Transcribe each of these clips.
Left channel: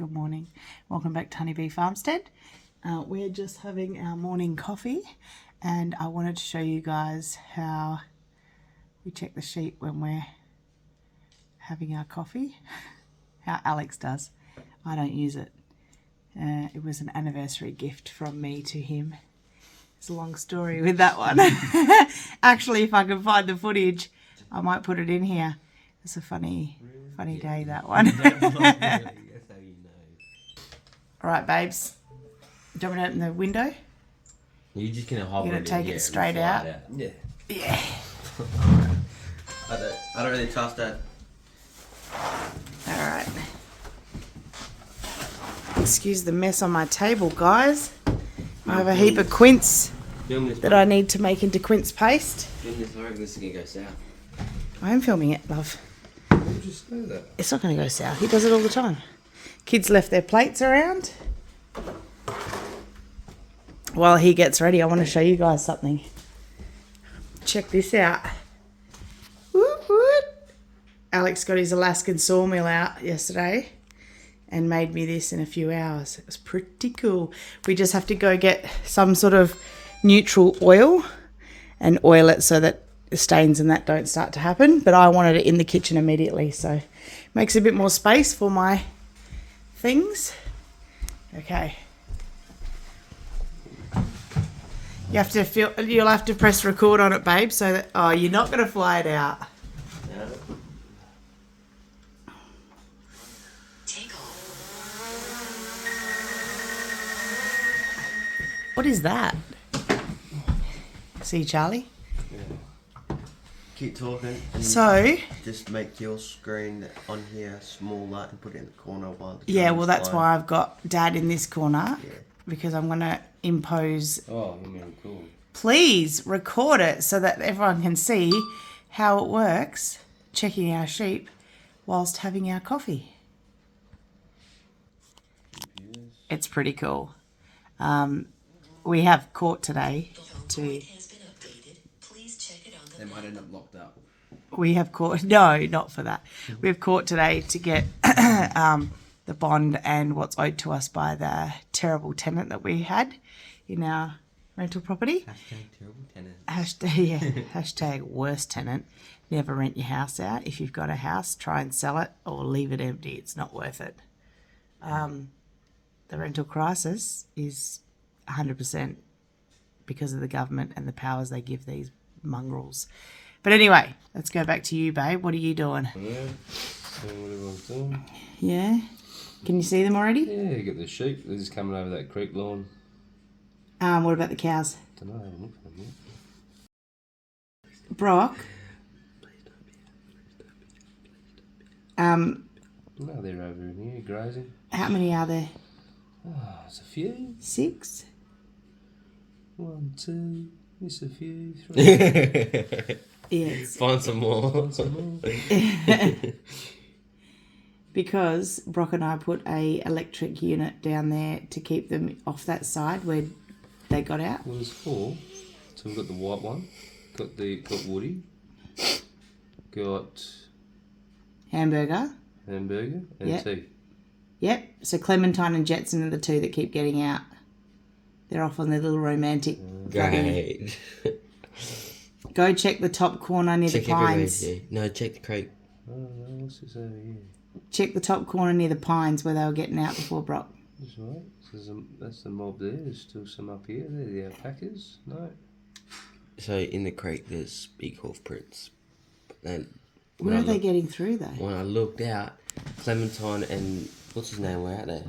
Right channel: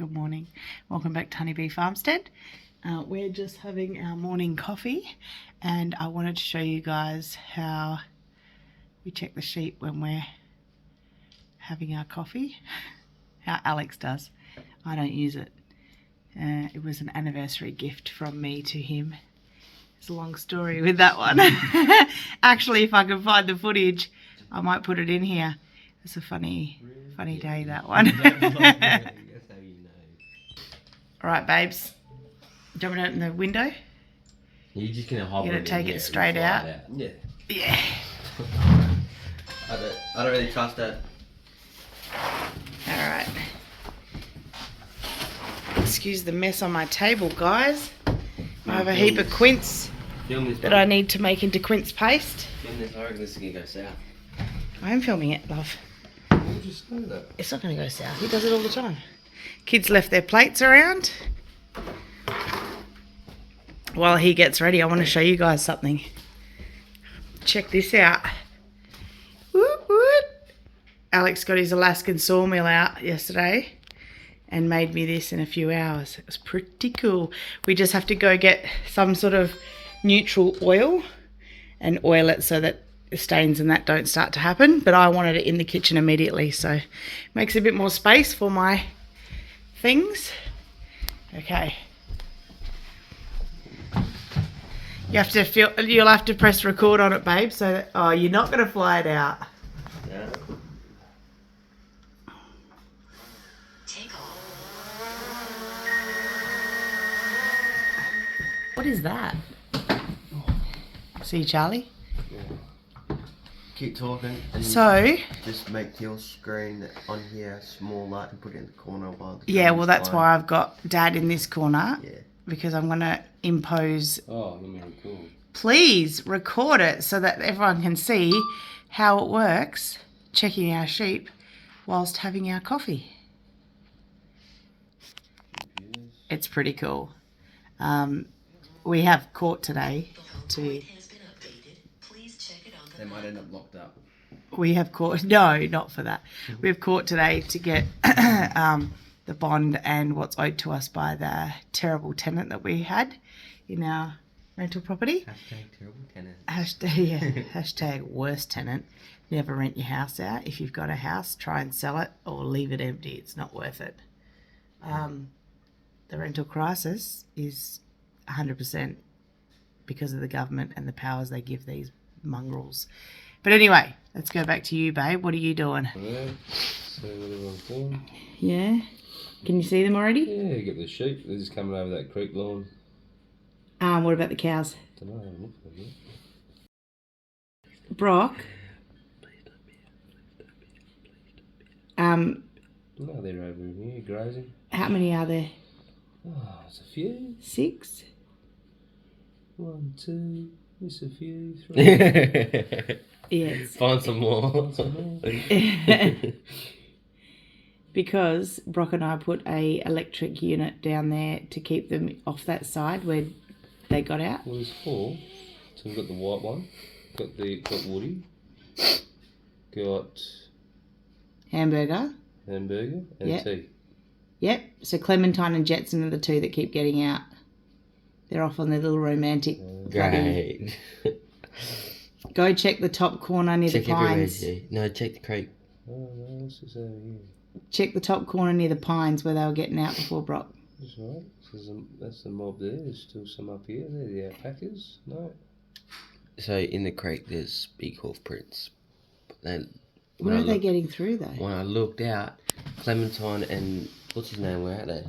Good morning. Welcome back to Honeybee Farmstead. We're just having our morning coffee and I wanted to show you guys how we check the sheep when we're having our coffee. How Alex does. I don't use it. It was an anniversary gift from me to him. It's a long story with that one. Actually, if I can find the footage, I might put it in here. It's a funny day, that one. All right, babes. Do you want me to open the window? You're just going to hop You're going to take it straight out? Yeah. Yeah. I don't really trust that. All right. Excuse the mess on my table, guys. I have a heap of quince that I need to make into quince paste. Film this. I reckon this is going to go south. I am filming it, love. We'll just say that. It's not going to go south. He does it all the time. Kids left their plates around. While he gets ready, I want to show you guys something. Check this out. Whoop, whoop. Alex got his Alaskan Saw-mill out yesterday and made me this in a few hours. It was pretty cool. We just have to go get some sort of neutral oil and oil it so that the stains and that don't start to happen. But I wanted it in the kitchen immediately, so it makes a bit more space for my things. Okay. You'll have to press record on it, babe, so that, oh, you're not going to fly it out. Yeah. What is that? See, Charlie? Yeah. Keep talking. And So, just make your screen on here smaller and put it in the corner while the yeah, well, that's line. why I've got Dad in this corner. Yeah. Because I'm going to impose. Oh, you mean cool. Please record it so that everyone can see how it works, checking our sheep whilst having our coffee. Yes. It's pretty cool. We have court today to... They might end up locked up. We have court... No, not for that. We have court today to get the bond and what's owed to us by the terrible tenant that we had in our rental property. Hashtag terrible tenant. Hashtag worst tenant. Never rent your house out. If you've got a house, try and sell it or leave it empty. It's not worth it. The rental crisis is 100% because of the government and the powers they give these mongrels. But anyway, let's go back to you, babe. What are you doing? Yeah, so what everyone's doing. Yeah? Can you see them already? Yeah, you got the sheep. They're just coming over that creek lawn. What about the cows? Don't know. I'm looking at them. Brock? No, they're over in here grazing. How many are there? Oh, it's a few. 6? 1, 2. It's a few. 3. Yes. Find some more. Find some more. Because Brock and I put a electric unit down there to keep them off that side where they got out. Well, there's 4. So we've got the white one. Got Woody. Got Hamburger. hamburger and Yep. tea. Yep. So Clementine and Jetson are the 2 that keep getting out. They're off on their little romantic. Great. Go check the top corner near the pines. No, check the creek. Oh, no, what's this over here? Check the top corner near the pines where they were getting out before Brock. That's right. So that's the mob there. There's still some up here. They're the alpacas. No. So in the creek there's big hoof prints. Where are they getting through though? When I looked out, Clementine and what's his name were out there.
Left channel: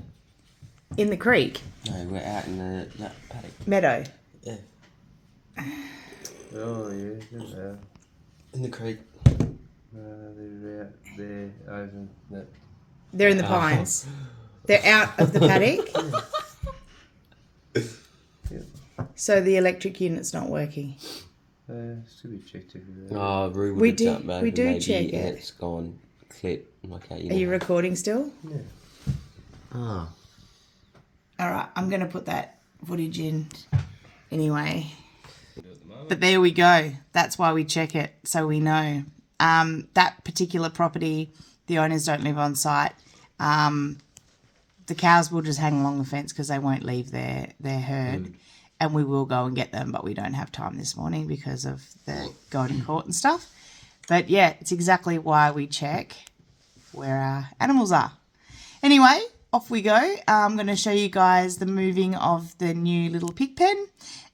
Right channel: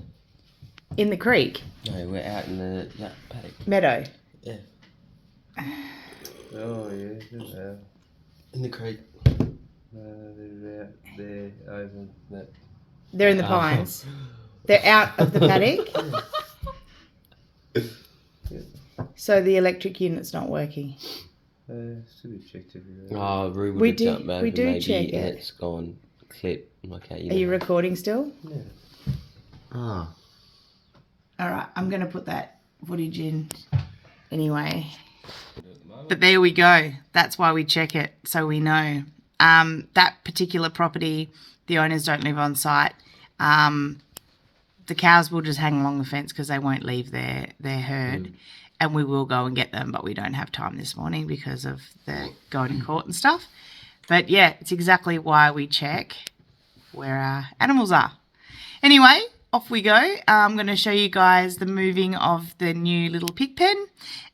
In the creek? No, we're out in that paddock. Meadow? Yeah. Oh yeah, they're out. In the creek. No, they're out there over that. They're in the pines. They're out of the paddock? Yep. So the electric unit's not working? Still be checked everywhere. Oh, Rue We do check it. And it's gone clip. Okay, Are you recording still? Yeah. Oh. Alright, I'm going to put that footage in anyway. But there we go. That's why we check it, so we know. That particular property, the owners don't live on site. the cows will just hang along the fence because they won't leave their herd. And we will go and get them, but we don't have time this morning because of the going to court and stuff. But yeah, it's exactly why we check where our animals are. Anyway, off we go. I'm going to show you guys the moving of the new little pig pen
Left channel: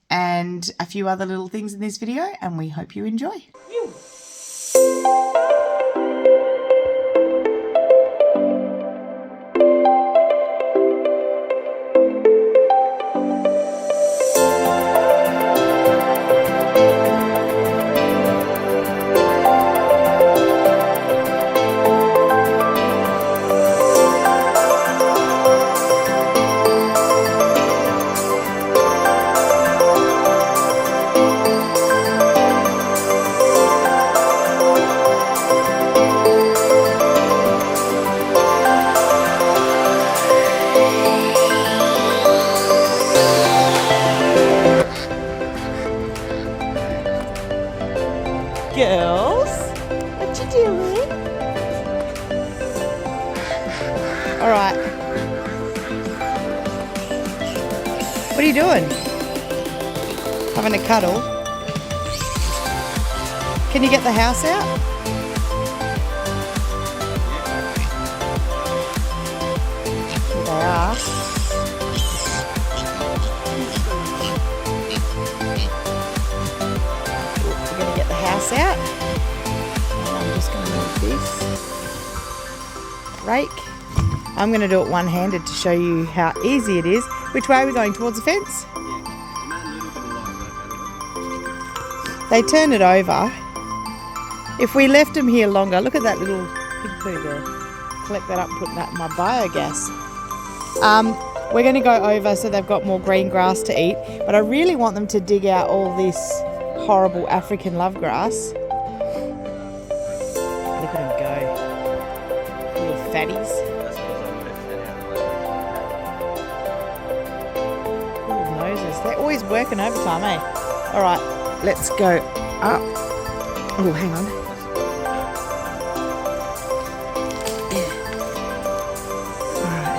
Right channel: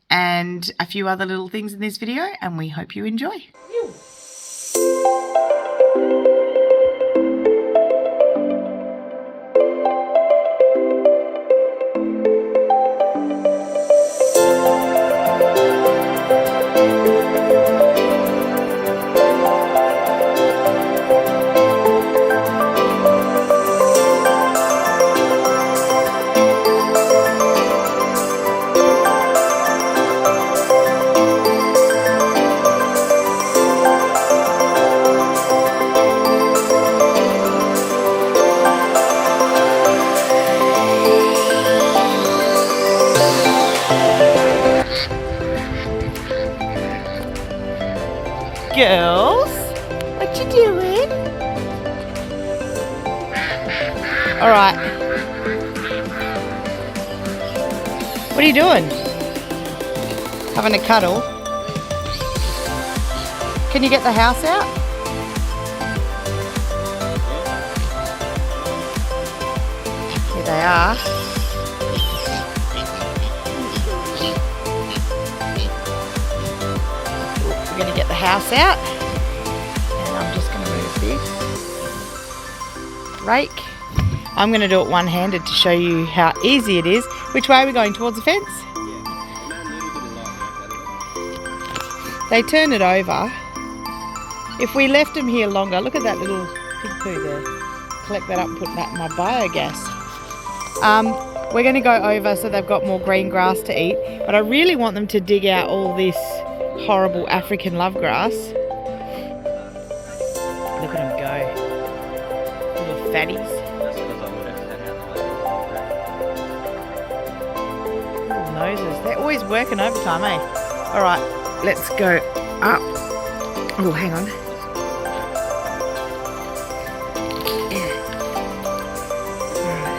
and a few other little things in this video, and we hope you enjoy. Girls, what you doing? All right. What are you doing? Having a cuddle? Can you get the house out? Here they are. We're going to get the house out, and I'm just going to move this rake. I'm going to do it one-handed to show you how easy it is. Which way are we going? Towards the fence? They turn it over. If we left them here longer, look at that little pig poo there. Collect that up and put that in my biogas. We're going to go over so they've got more green grass to eat, but I really want them to dig out all this horrible African love grass. Look at them go. Little fatties. Little noses. They're always working overtime, eh? Alright, let's go up. Oh, hang on.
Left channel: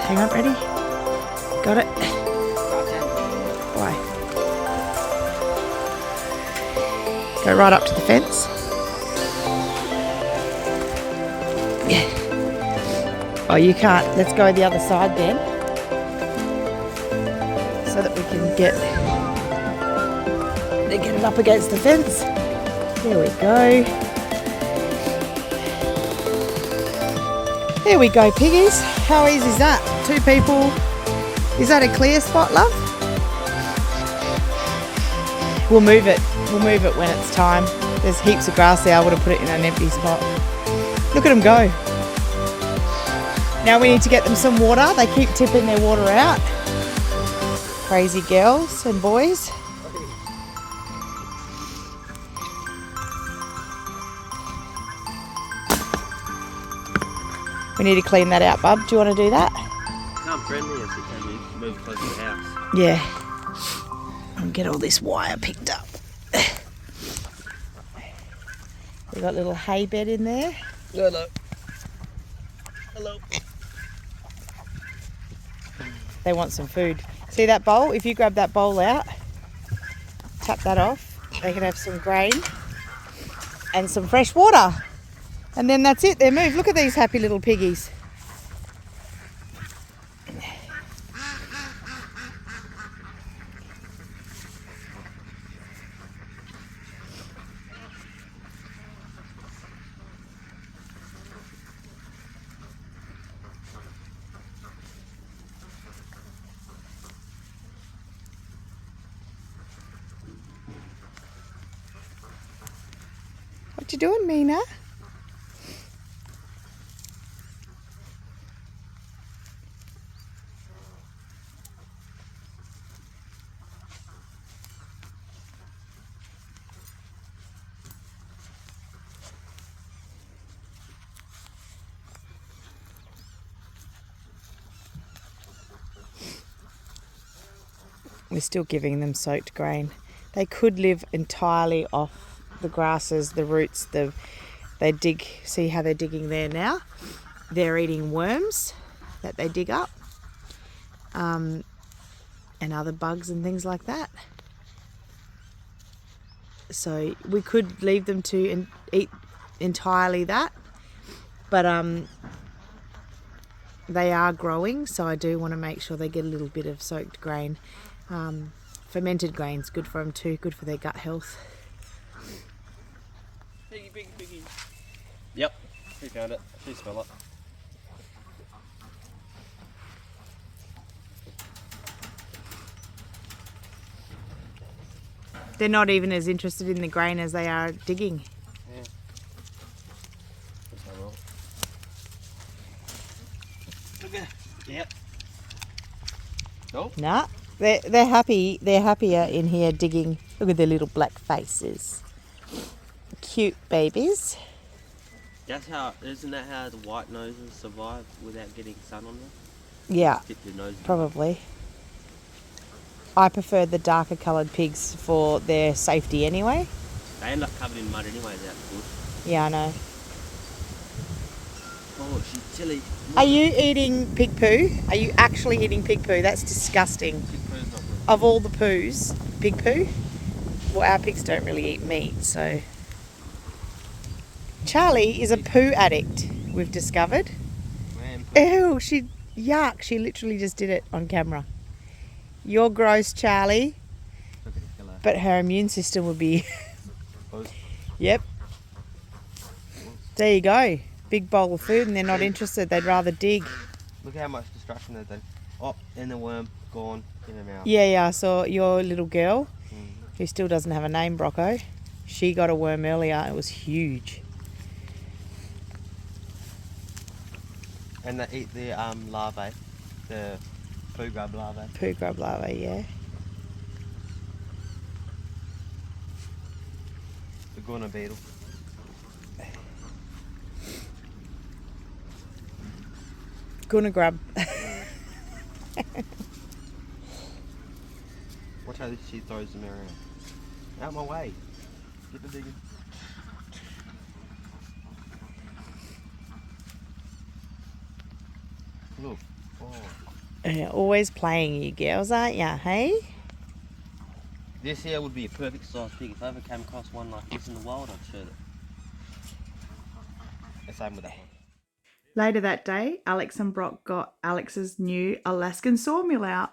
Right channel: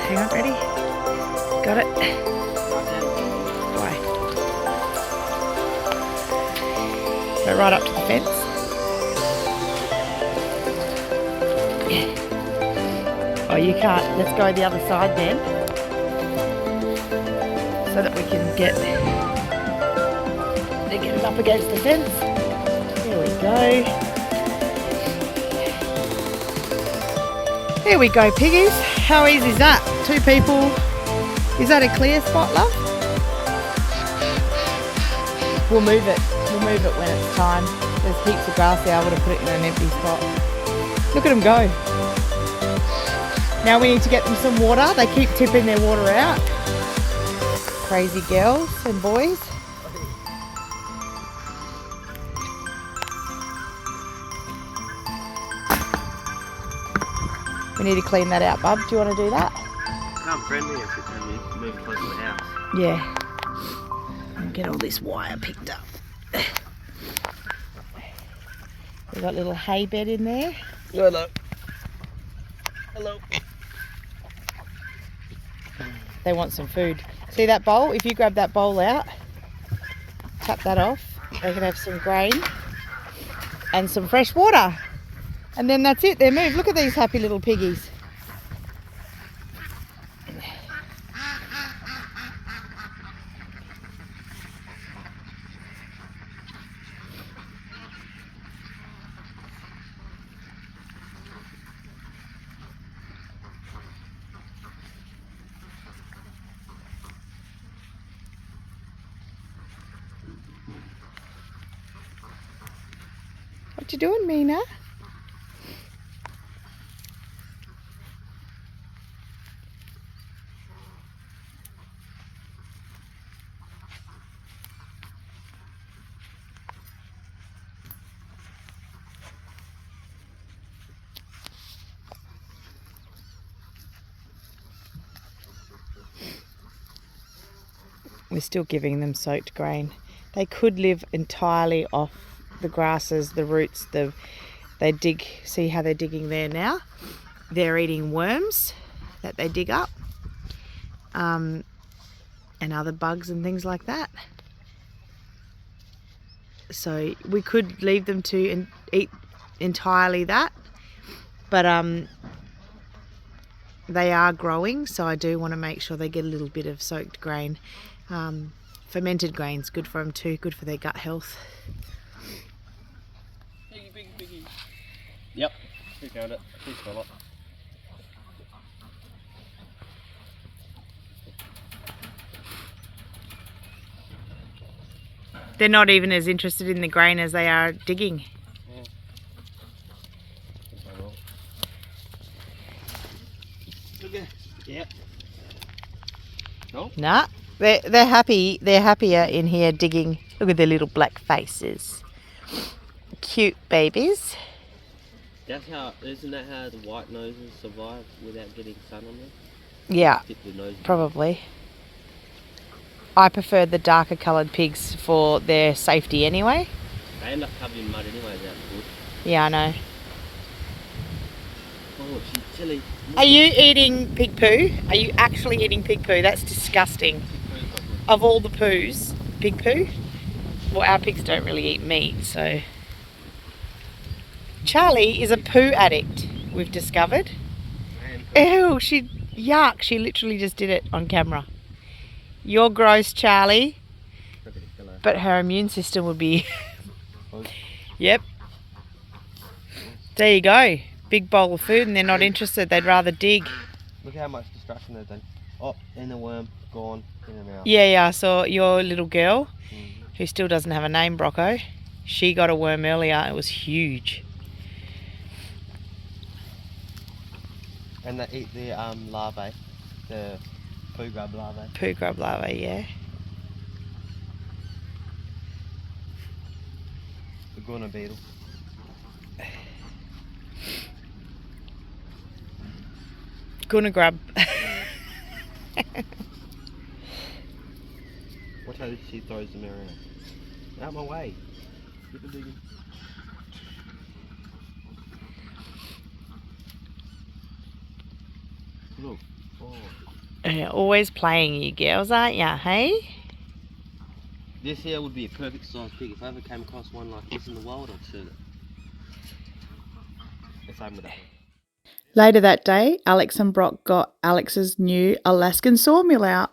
Hang on, ready? Got it? Go right up to the fence. Oh, you can't. Let's go the other side then, so that we can get it up against the fence. There we go. There we go, piggies. How easy is that? 2 people. Is that a clear spot, love? We'll move it. We'll move it when it's time. There's heaps of grass there. I would have put it in an empty spot. Look at them go. Now we need to get them some water. They keep tipping their water out. Crazy girls and boys. We need to clean that out, bub. Do you want to do that? Come friendly if you move close to the house. Yeah. And get all this wire picked up. We've got a little hay bed in there. Hello. Hello. They want some food. See that bowl? If you grab that bowl out, tap that off, they can have some grain and some fresh water. And then that's it, they're moved. Look at these happy little piggies. What you doing, Mina? We're still giving them soaked grain. They could live entirely off the grasses, the roots, they dig. See how they're digging there now? They're eating worms that they dig up. and other bugs and things like that. So we could leave them to eat entirely that, but they are growing, so I do want to make sure they get a little bit of soaked grain. Fermented grain's good for them too, good for their gut health. Piggy. Yep, we found it. We smell it. They're not even as interested in the grain as they are digging. Yeah. Look at. Yep. Nope. Nah, they're happy. They're happier in here digging. Look at their little black faces. Cute babies. Isn't that how the white noses survive without getting sun on them? Yeah, Dip your nose in. probably. I prefer the darker coloured pigs for their safety anyway. They end up covered in mud anyway without the bush. Yeah, I know. Oh, she's chilly. Are you eating pig poo? Are you actually eating pig poo? That's disgusting. Of all the poos, pig poo? Well, our pigs don't really eat meat, so... Charlie is a poo addict, we've discovered. Ew, yuck, she literally just did it on camera. You're gross, Charlie. But her immune system would be... Yep. There you go. Big bowl of food and they're not interested. They'd rather dig. Look how much destruction they've done. Oh, and the worm gone in the mouth. Yeah, I saw your little girl, who still doesn't have a name, Brocco. She got a worm earlier. It was huge. And they eat the larvae, the poo grub larvae. Poo grub larvae, yeah. The guana beetle. Gonna grub. Watch how she throws them around. Out my way. Get the digging. Look. Oh. Yeah, always playing, you girls, aren't ya, hey? This here would be a perfect size pig. If I ever came across one like this in the wild, I'd shoot it. The same with that one. Later that day, Alex and Brock got Alex's new Alaskan Saw-mill out.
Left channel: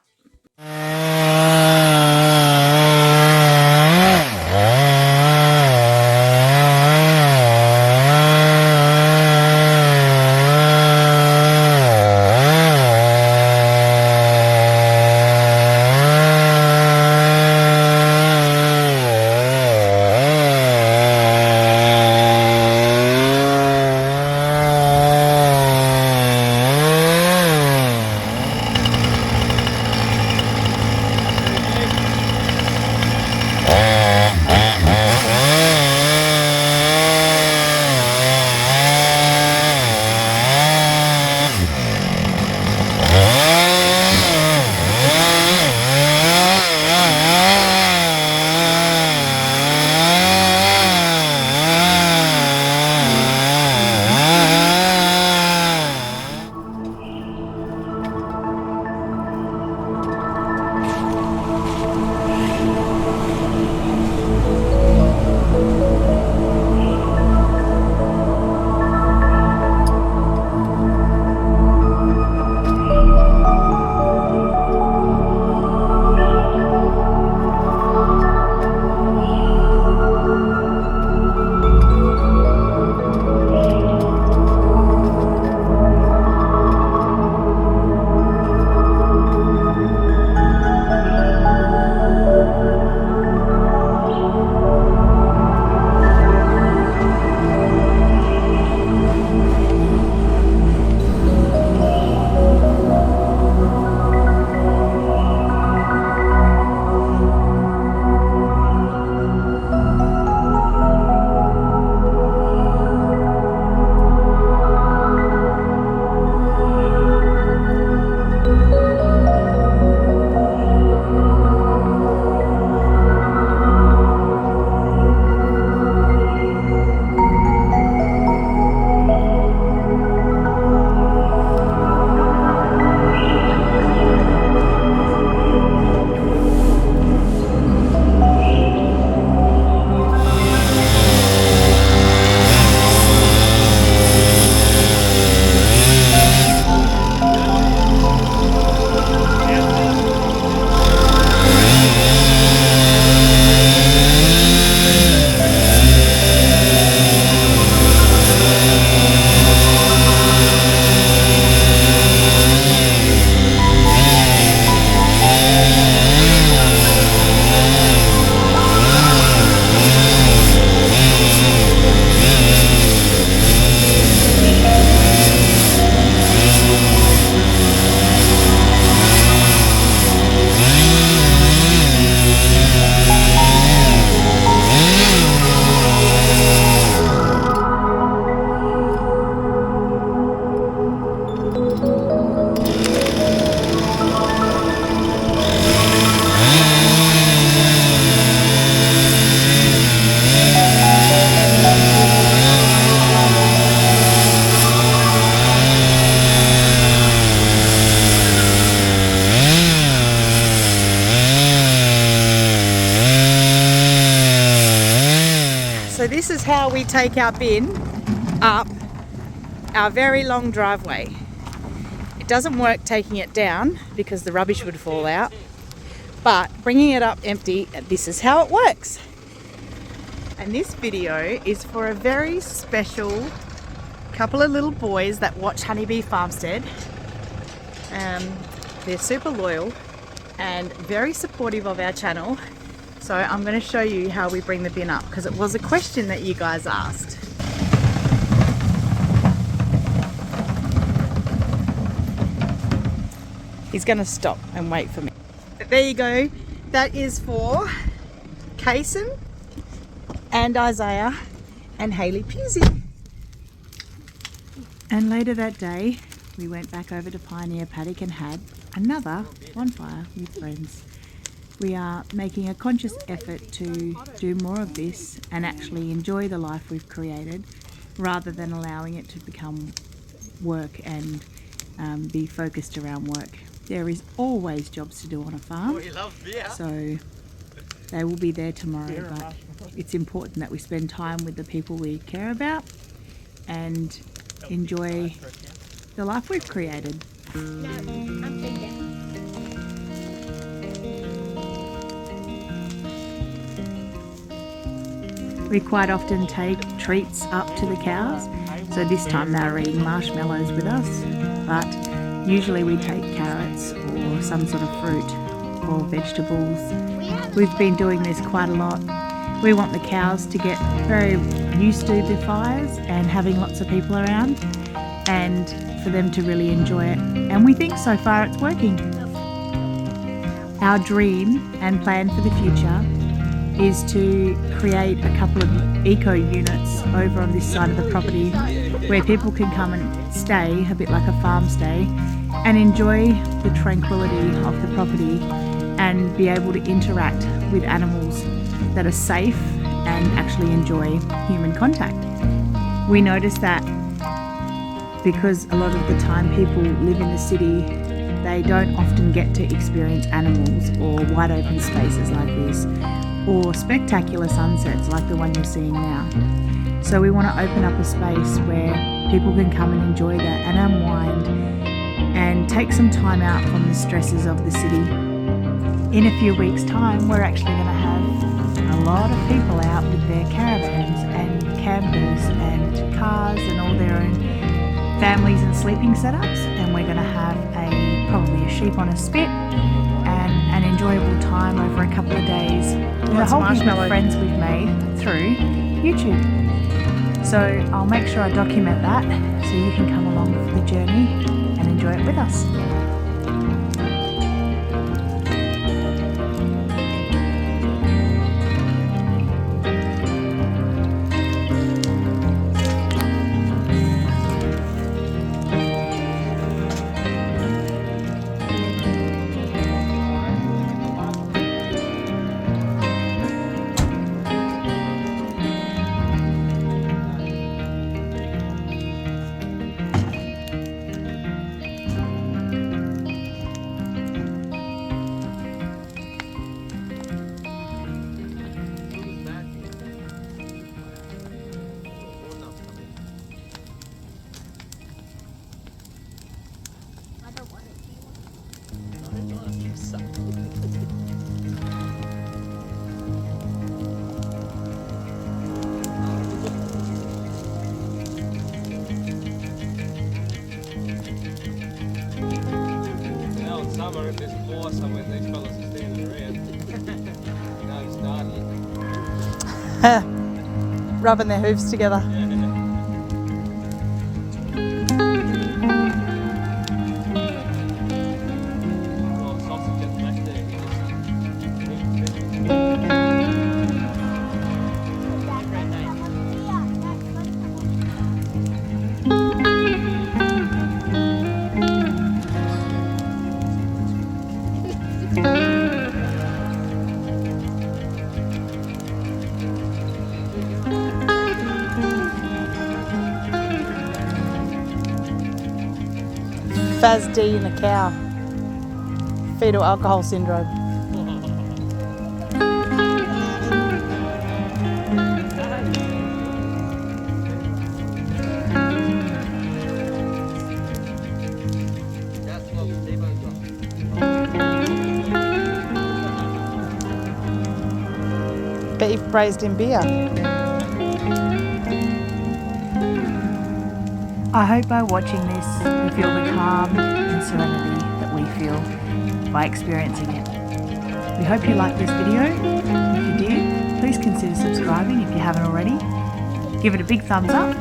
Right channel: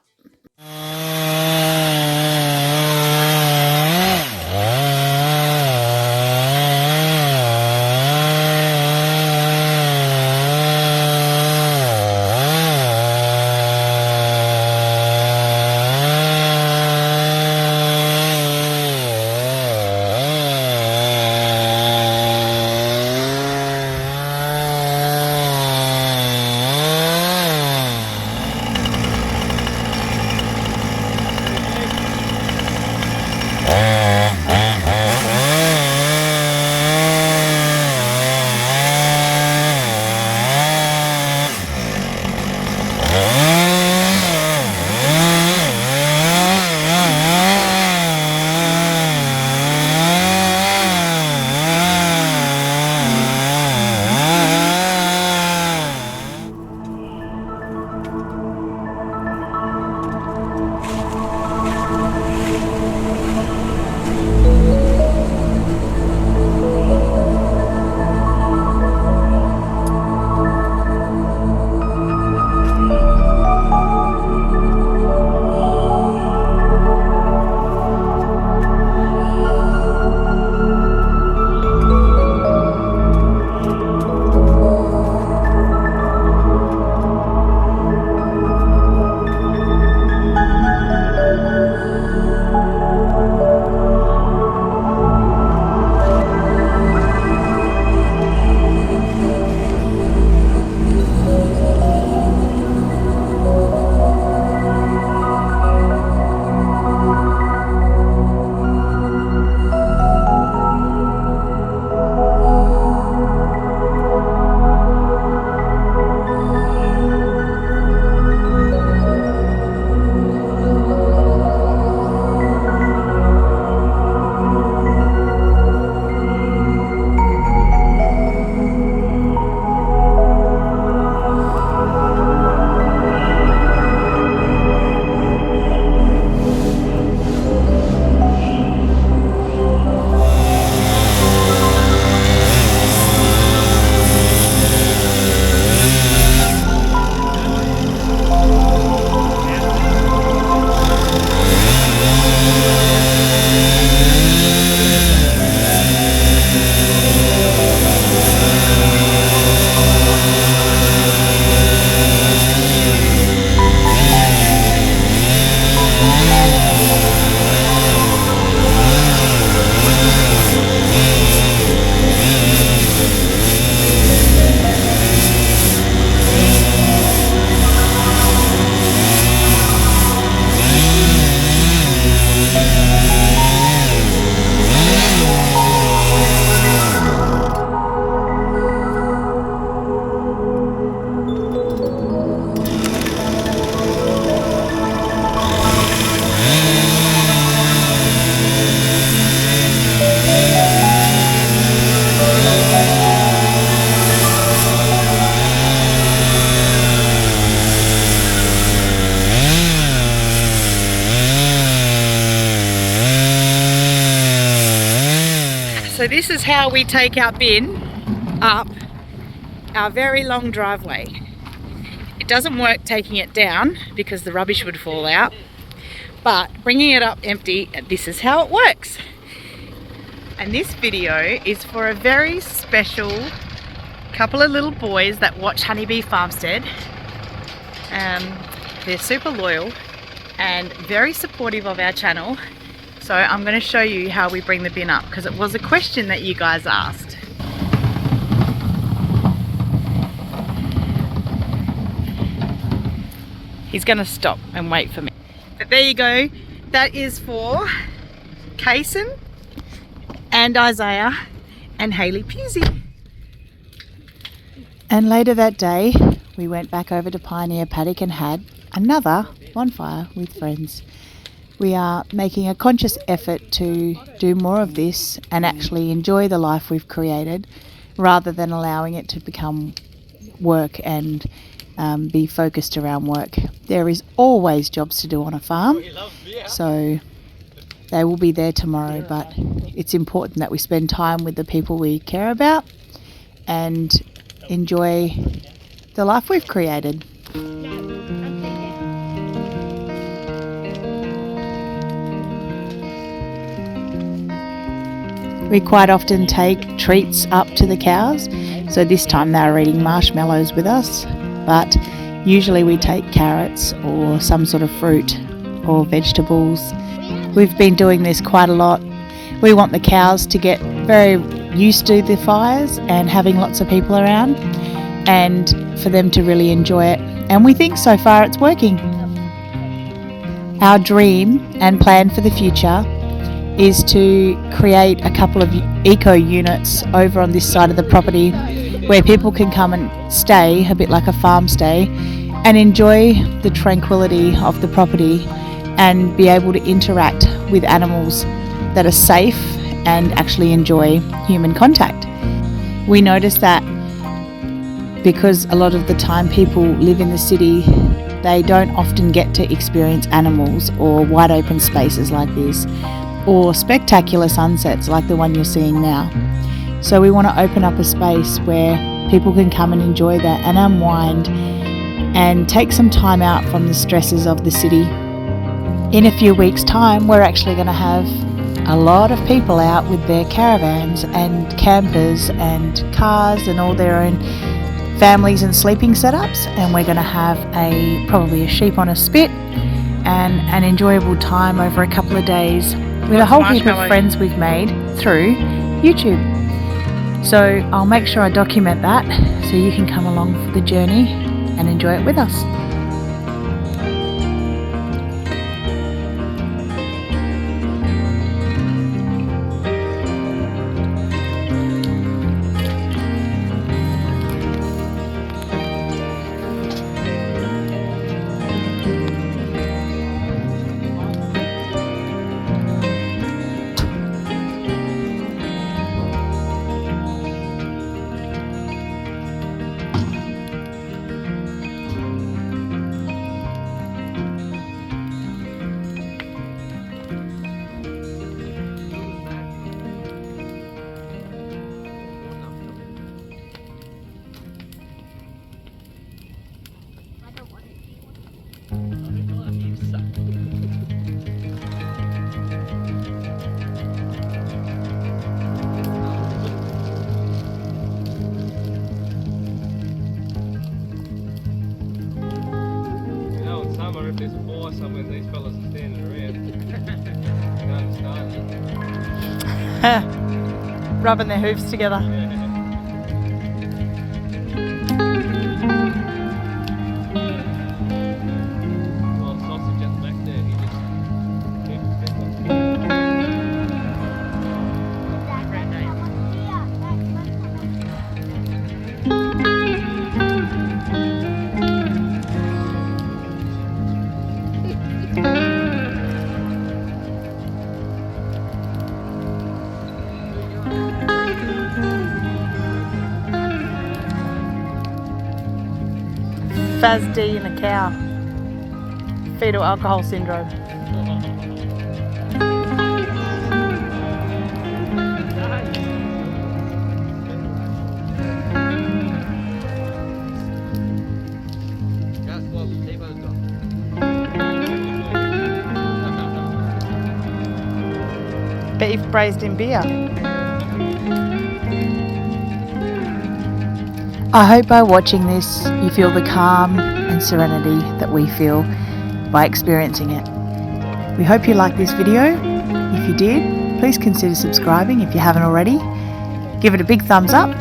This is how we take our bin up our very long driveway. It doesn't work taking it down because the rubbish would fall out, but bringing it up empty, this is how it works. And this video is for a very special couple of little boys that watch Honeybee Farmstead. They're super loyal and very supportive of our channel. So I'm going to show you how we bring the bin up, because it was a question that you guys asked. He's going to stop and wait for me. But there you go. That is for Kason and Isaiah and Hayley Pusey. And later that day, we went back over to Pioneer Paddock and had another bonfire with friends. We are making a conscious effort to do more of this and actually enjoy the life we've created, rather than allowing it to become work and be focused around work. There is always jobs to do on a farm, so they will be there tomorrow, but it's important that we spend time with the people we care about and enjoy the life we've created. We quite often take treats up to the cows, so this time they were eating marshmallows with us, but usually we take carrots or some sort of fruit or vegetables. We've been doing this quite a lot. We want the cows to get very used to the fires and having lots of people around, and for them to really enjoy it, and we think so far it's working. Our dream and plan for the future is to create a couple of eco units over on this side of the property where people can come and stay, a bit like a farm stay, and enjoy the tranquility of the property and be able to interact with animals that are safe and actually enjoy human contact. We notice that because a lot of the time people live in the city, they don't often get to experience animals or wide open spaces like this, or spectacular sunsets like the one you're seeing now. So we want to open up a space where people can come and enjoy that and unwind and take some time out from the stresses of the city. In a few weeks' time, we're actually going to have a lot of people out with their caravans and campers and cars and all their own families and sleeping setups, and we're going to have probably a sheep on a spit and an enjoyable time over a couple of days with a whole heap of friends we've made through YouTube. So I'll make sure I document that so you can come along for the journey and enjoy it with us. Rubbing their hooves together. FASD in a cow. Fetal alcohol syndrome. Bet you've braised in beer. I hope by watching this you feel the calm and serenity that we feel by experiencing it. We hope you liked this video. If you did, please consider subscribing if you haven't already. Give it a big thumbs up,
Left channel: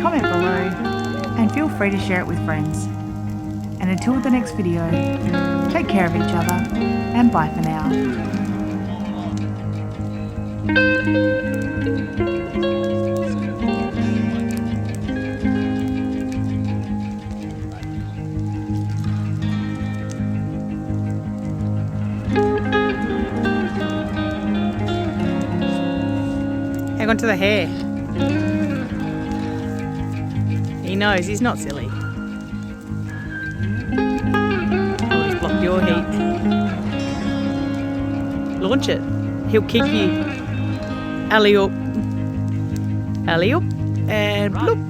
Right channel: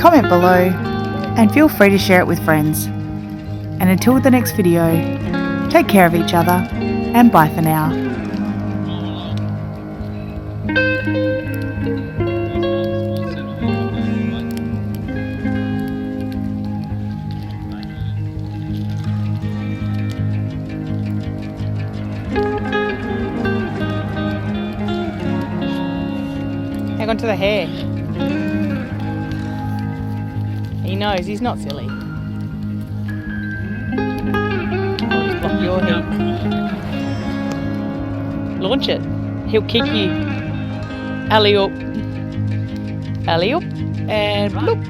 comment below, and feel free to share it with friends. And until the next video, take care of each other and bye for now. Hang on to the hair. He knows, he's not silly. Just block your head. Launch it. He'll kick you. Alley-oop. Alley-oop. And bloop.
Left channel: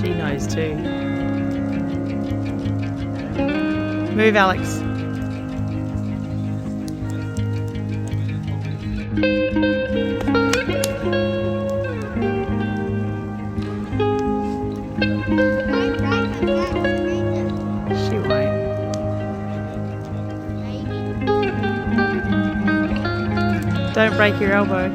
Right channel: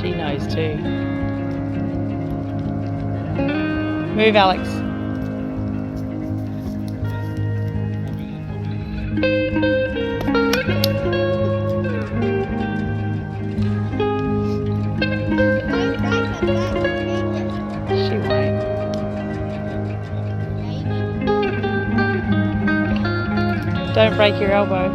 She knows too. Move, Alex. Don't break your elbow.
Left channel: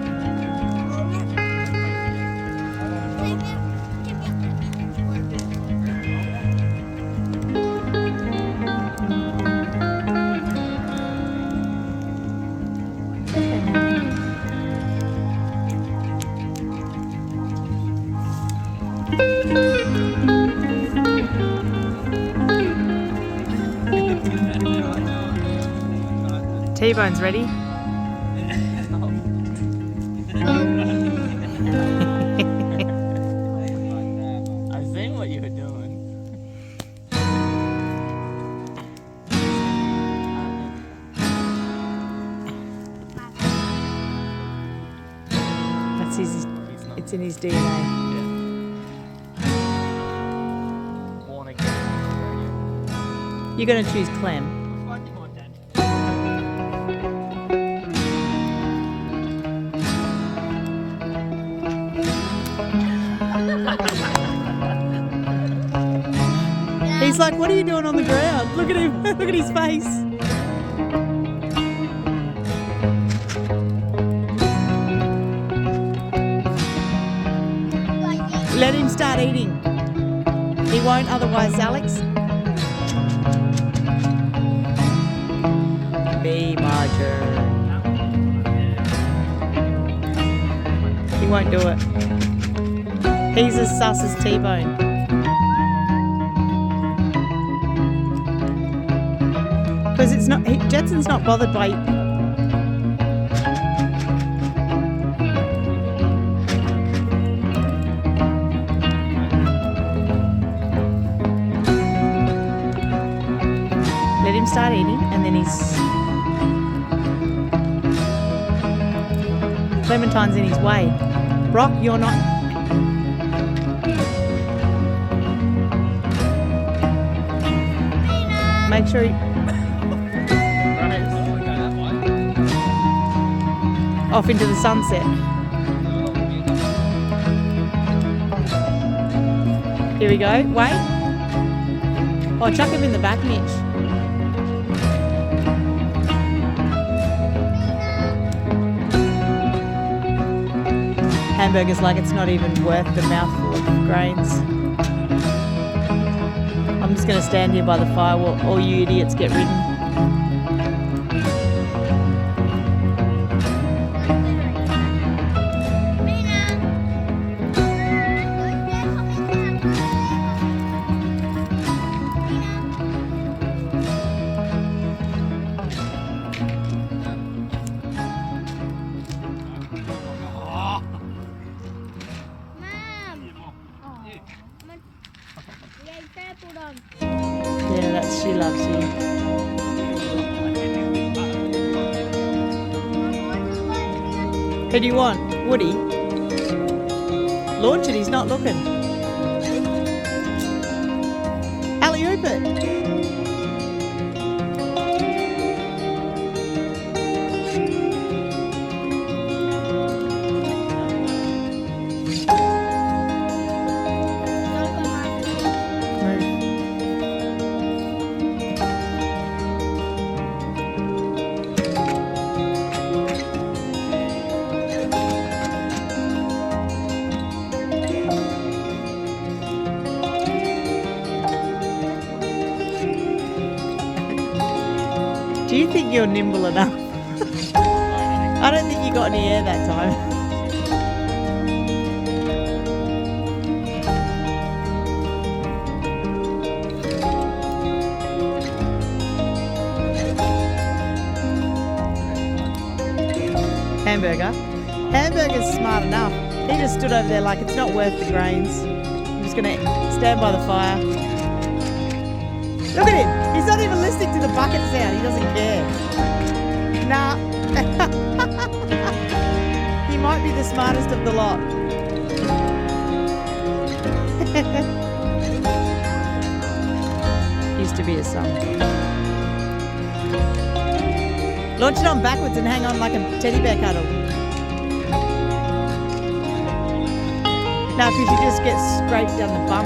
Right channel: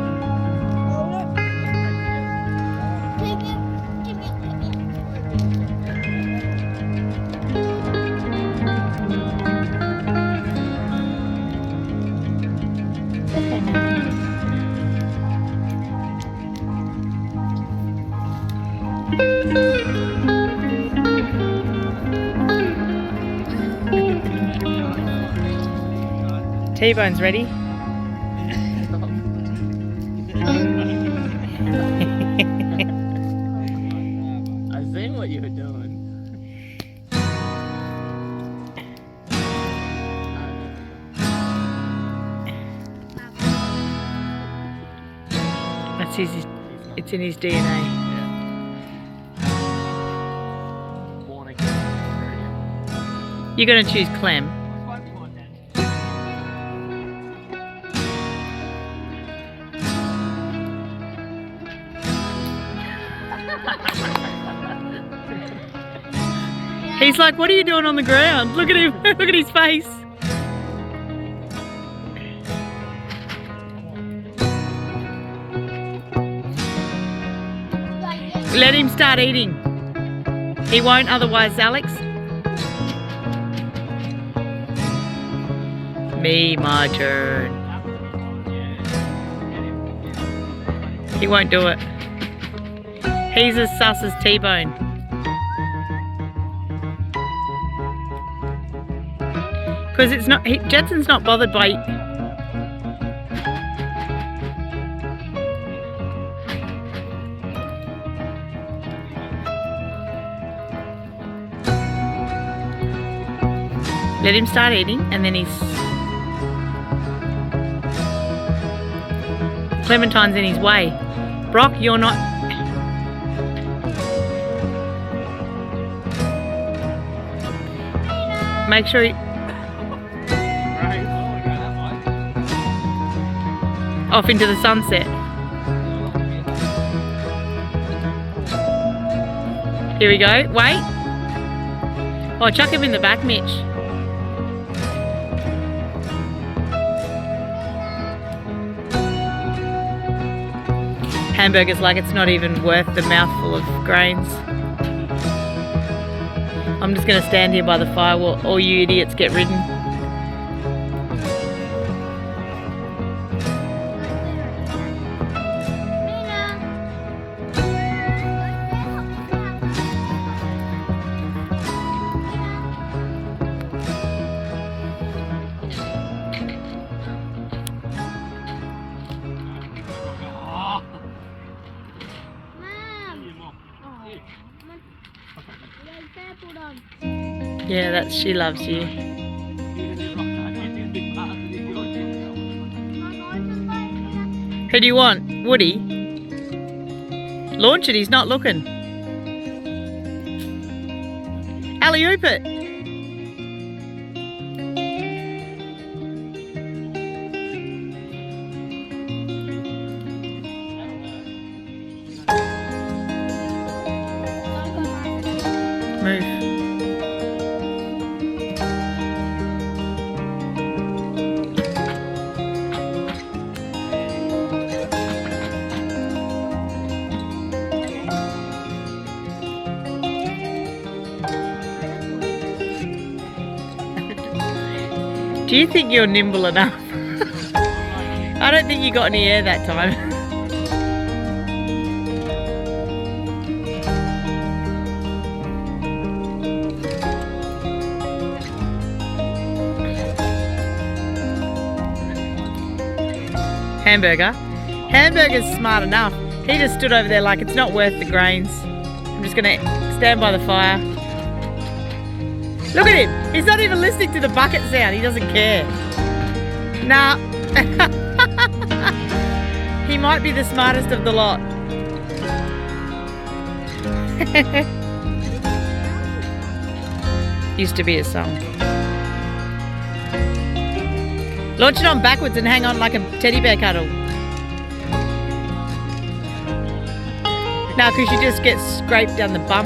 T-Bone's ready. I seen what you were doing. That's his. It's in his DNA. You're going to choose Clem. He's like, what are you doing on the ground? Look at him. Look at his face. Let him start eating. He won't otherwise, Alex. Me, my turn. He won't do it. He's as sus as T-Bone. Because it's not, Jetson's not bothered by... Let him start eating and then he's... Clementine's in his way. Brock, you're not... Make sure he... Off into the sunset. Here we go. Wait. Oh, chuck him in the back, Mitch. Hamburgers like it's not even worth the mouthful of grains. I'm just going to stand here by the fire while all you idiots get ridden. Yeah, that's she loves you. Who do you want? Woody? Launch it, he's not looking. Alley-oop it. Do you think you're nimble enough? I don't think you got any air that time. Hamburger's smart enough. He just stood over there like it's not worth the grains. I'm just gonna stand by the fire. Look at him. He's not even listening to the bucket sound. He doesn't care. Nah. He might be the smartest of the lot. Used to be a song. Launch it on backwards and hang on like a teddy bear cuddle. No, because you just get scraped down the bum.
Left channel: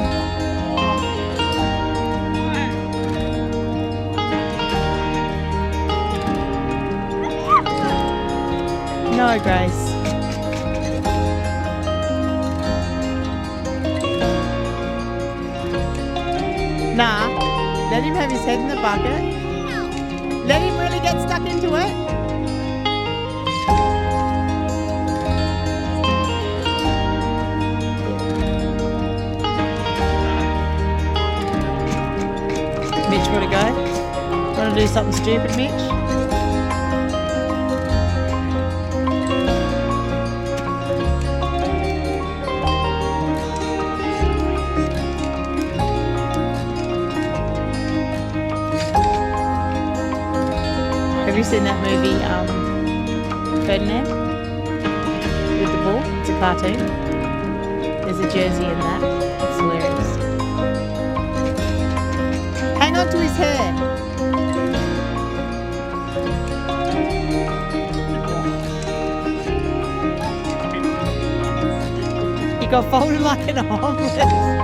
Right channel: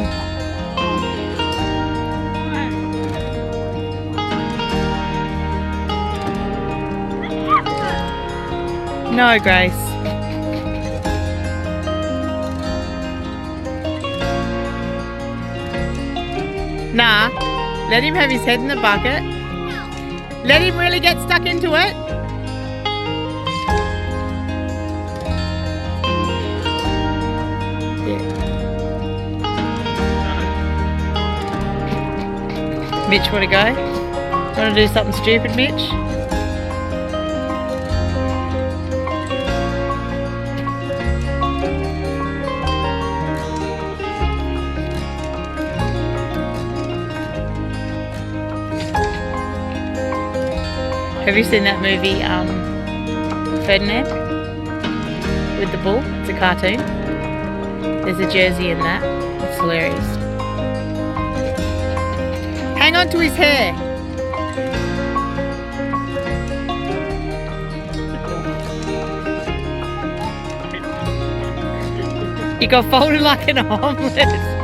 No, Grace. Nah, let him have his head in the bucket. Let him really get stuck into it. Mitch, want to go? Want to do something stupid, Mitch? Have you seen that movie, Ferdinand? With the bull? It's a cartoon. There's a jersey in that. It's hilarious. Hang on to his hair. You got folded like an omelette.